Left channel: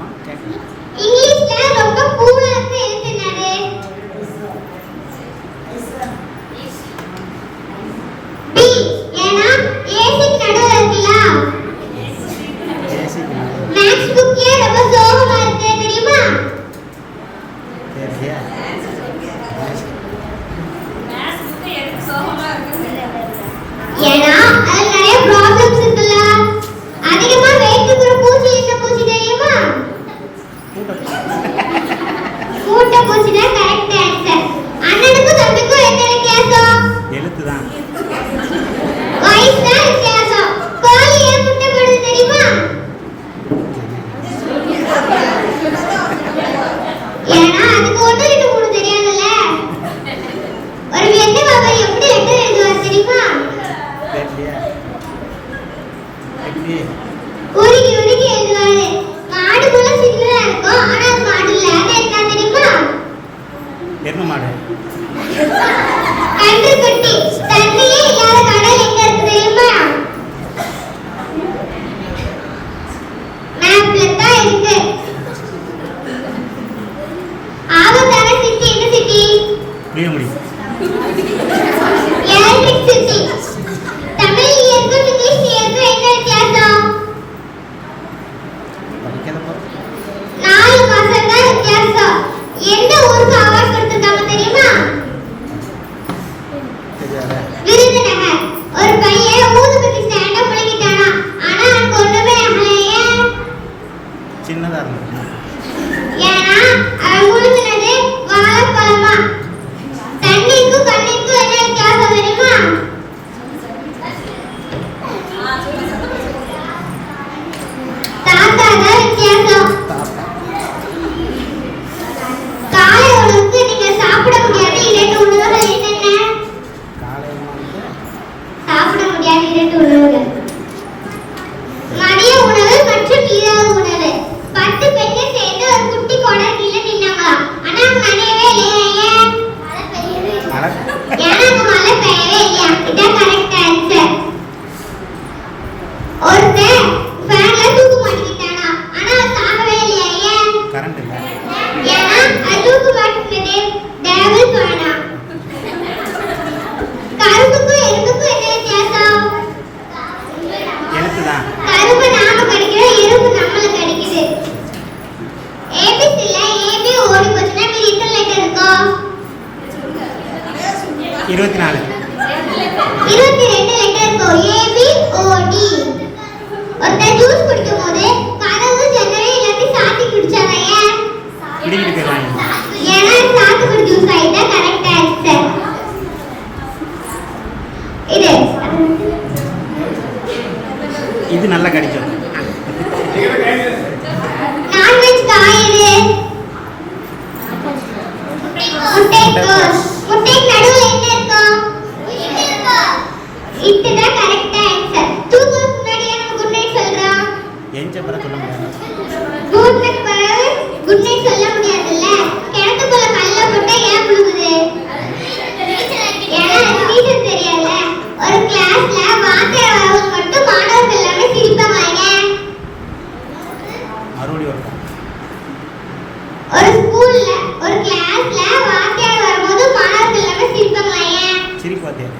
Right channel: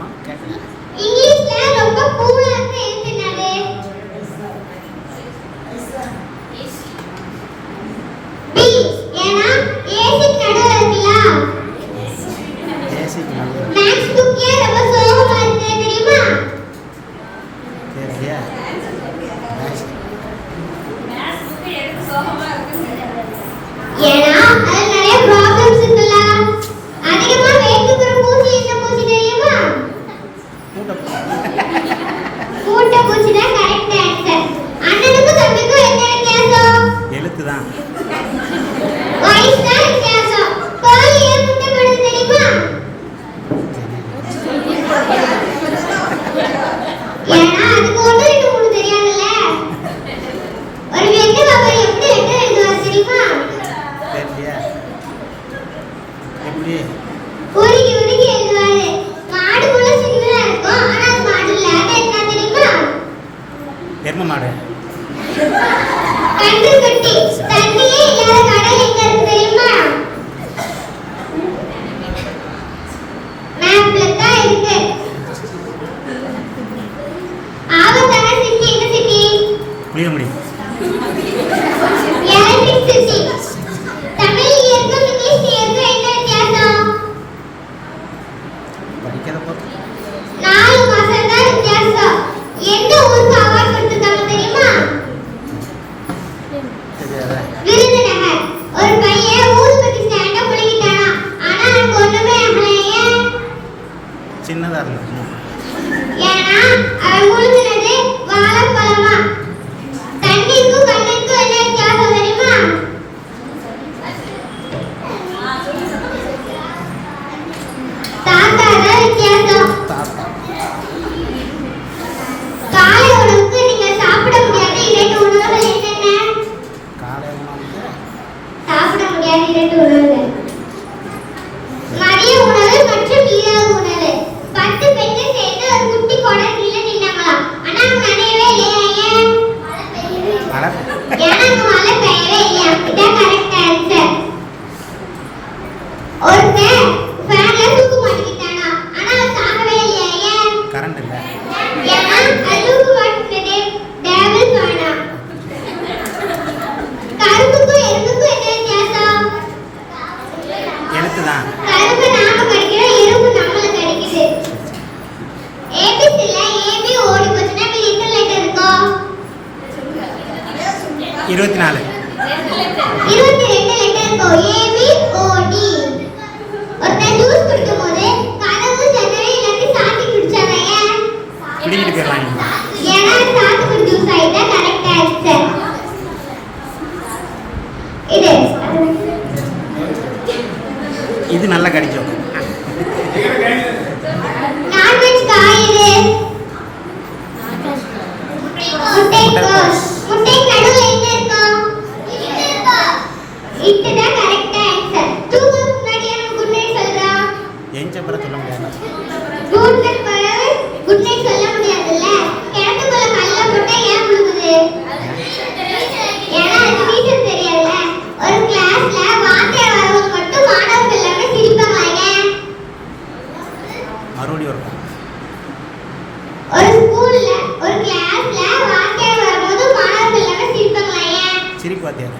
என்னம்மா கேட்கல. இங்கிலீஷ்ல ரொம்ப கூலா இருக்கு என்னது? பி. ஏனா ஏசி நடுவுல இருக்குல. ஏசி நடுவுல. மேக்ஸ் புக் ஏன் ரொம்ப சோகமா இருக்கு தெரியுமா? தெரியலையா? மேக்ஸ் புக் எனக்கு சோகமா இருக்கு. ஏனா அதுல நிறைய ப்ராப்ளம்ஸ் இருக்குல்ல. அதிகமா வெயிட் இருக்கிற பூச்சி என்ன பூச்சி தெரியுமா? மூட்டை பூச்சி தான் கரெக்ட் ஆன்சர். அண்ணனுக்கும் தம்பிக்கும் என்ன வித்தியாசம்? எழுத்து தான். வாய்ஸ் தான் வித்தியாசம். கோழி ஏன் முட்டை போடுது தெரியுமா? ஏன்னா அதுக்கு ஒன்று ரெண்டு மூணு தெரியாதுல்ல. ஒரு வெட்டு பாப்பா எப்படி வெட்டு எழுதுவார் தெரியுமா? தெரியலையா? எப்படி? உருகி உருகி எழுதுவாரு. மாடு கூட சின்னதா இருக்கும், ஆனா அது மாடு இல்ல. அது என்ன தெரியுமா? எருமை மாடு. கன்று குட்டி. தண்ணியே இல்லாத கடல் எங்க இருக்கு தெரியுமா? மேப்ல தான் இருக்கு. ஆபத்தான சிட்டி என்ன city? Puliyangudi. Electric city. Tamil இயற்கும் இங்கிலீஷ் இயற்கும் என்ன வித்தியாசம்? படிக்காத போது 4 மாசம் தான் வித்தியாசம். எந்த ஊருக்கு அவார்ட் கொடுத்திருக்காங்க தெரியுமா? தெரியாத. விருதுநகர். ஒரு பையன் ஊதுபத்தி ஸ்டாண்ட முழுங்கிட்டானா, ஆனா அவனுக்கு ஒண்ணுமே ஆகலையே. சின்னதாக இருந்தது. ஏன்னா அவன் முழுங்கினது வாழைப்பழமா. தண்ணிக்கும் கண்ணிக்கும் என்ன வித்தியாசம் தெரியுமா? தாத்தா தான் வித்தியாசம். தாத்தா. காலை உணவுக்கு நீங்க சாப்பிட முடியாத 2 உணவுகள் என்னென்ன? காலை உணவுக்கு சாப்பிட முடியாத 2 உணவுகள். மதிய உணவு மற்றும் இரவு உணவு. 10 பெண்கள் சேர்ந்து ஒரு குட்டி கோடை கீழே நின்னாங்களாம். ஆனா அங்க நனையவே இல்லையா? ஏன்? மழை. ஏன்னா அங்க மழை பெய்யவே இல்லையா? இதான் கரெக்ட் ஆன்சர். ஒருத்தன் ஃபேன்ல தூக்கு மாட்டிக்கிட்டானா, ஆனா அவன் சாகவே இல்லையா? ஏன்? கரண்ட் இல்லை. ஏன்னா அது தூக்கு மாட்டிக்கிட்டது டேபிள் ஃபேனா. கரும்புக்கும் எறும்புக்கும் என்ன வித்தியாசம்? எழுத்து தான். கரும்பு நாம கடிக்கிறோம், எறும்பு நம்மள கடிக்குது. ஏபிசில ஏபி ஓடி போச்சுன்னா மீதி எத்தனை லெட்டர் இருக்கும்? 24. 22 லெட்டர் இருக்கும். ஏபி ஓடி. ஒருத்தன் ஜூஸ் குடிக்கும்போது கதவு ஜன்னலை எல்லாத்தையும் சாத்தி குடிச்சாங்க. ஏன்? பிடிக்கிட்டு போயிடலாங்க. ஏன்னா சாத்துக்குடி ஜூஸ் ஆயிட்டா கரெக்ட் ஆன்சர். இது இது நல்லா கடிக்கும். நான்வெஜ் காய் இது. முட்டைக்கோஸ். முட்டைக்கு நடுவுல என்ன இருக்கும்? இதுதான் கரெக்ட் ஆன்சர். தூங்குறதுக்கு முன்னாடி நம்ம குட் நைட் சொல்றோம். எஞ்ச பிறகு சொல்ல முடியாது. குட் நைட் குட் நைட் சொல்ல முடியாதுல்ல. கிணத்துக்குள்ள கல்ல போட்டா ஏன் விழுகுது? ஏன்னா அது டீச்சர் தெரியல. ஒரு கிளாஸ்ல வாத்தியார் வரவங்க மட்டும் மாணவர்கள் எல்லாமே சிரிப்பாங்க. ஏன்? மறுபடி இருக்கும். ஒரு ஸ்கூல்ல ஒரு கிளாஸ்ல வாத்தியார் வரும்போது மாணவர்கள் எல்லாமே சிரிப்பாங்க. ஏன்? சிரிப்பு வாத்தியார்.